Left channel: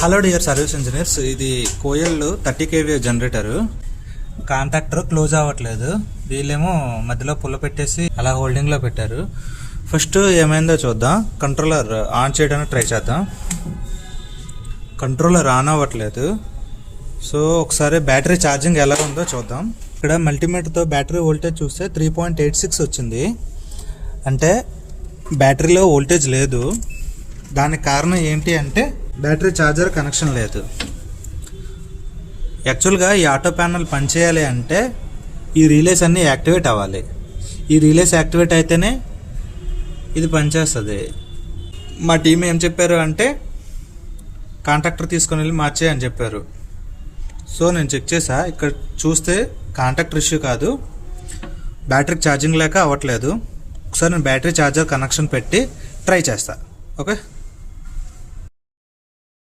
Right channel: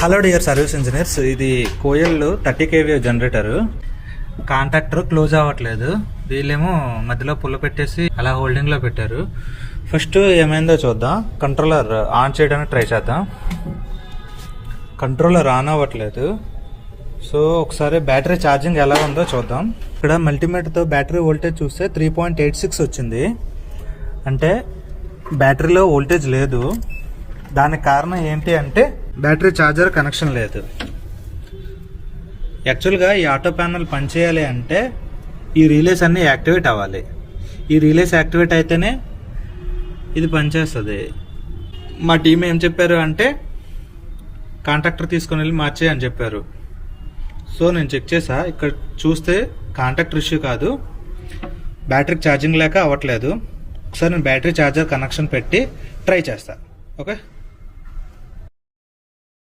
Hello dear service engineers, ఇది Koel 30 kVA generator. Contactor close అవ్వట్లేదు. వీళ్ళేమో మధ్యలో పుల్ల పెట్టేసి అలా హోల్డింగ్ లో పెట్టారు. ఫస్ట్ ఏమైందో చూద్దాం. కంట్రోలర్ ఆన్ చేయడానికి ట్రై చేద్దాం. కంట్రోలర్ ఆన్ అవ్వట్లేదు. సో ఒకసారి బ్యాటరీ ఛార్జింగ్ ఎలా ఉందో చూద్దాం. ఇక్కడ మల్టీమీటర్తో బ్యాటరీ వోల్టేజ్ చూస్తే 3.86 వచ్చింది. అంటే బ్యాటరీలో వోల్టేజ్ లేదు. దానికి కారణం ఏంటి అంటే బ్యాటరీ ఛార్జర్ కనెక్షన్ లేదు. యాక్చువల్గా ఈ ఆటో ప్యానల్ పనిచేయాలి అంటే ఈ రిలేస్ అన్నీ యాక్టివేట్ అవ్వాలి. ఈ రిలేస్ యాక్టివేట్ అయితేనే ఇది పనిచేస్తుంది. మా టీం ఏం చెప్పారు అంటే కాంటాక్టర్ తీసుకొని వెళ్ళి మార్చే అని చెప్పారు. సో నేను చెక్ చేసా. ఇక్కడ చూస్తే కాంటాక్టర్ ఇష్యూ కాదు, బ్యాటరీ ఛార్జింగ్ లేక అవ్వట్లేదు. ఒకసారి నేను బ్యాటరీ ఛార్జర్ కనెక్షన్ పెట్టి ట్రై చేస్తా. ఓకే.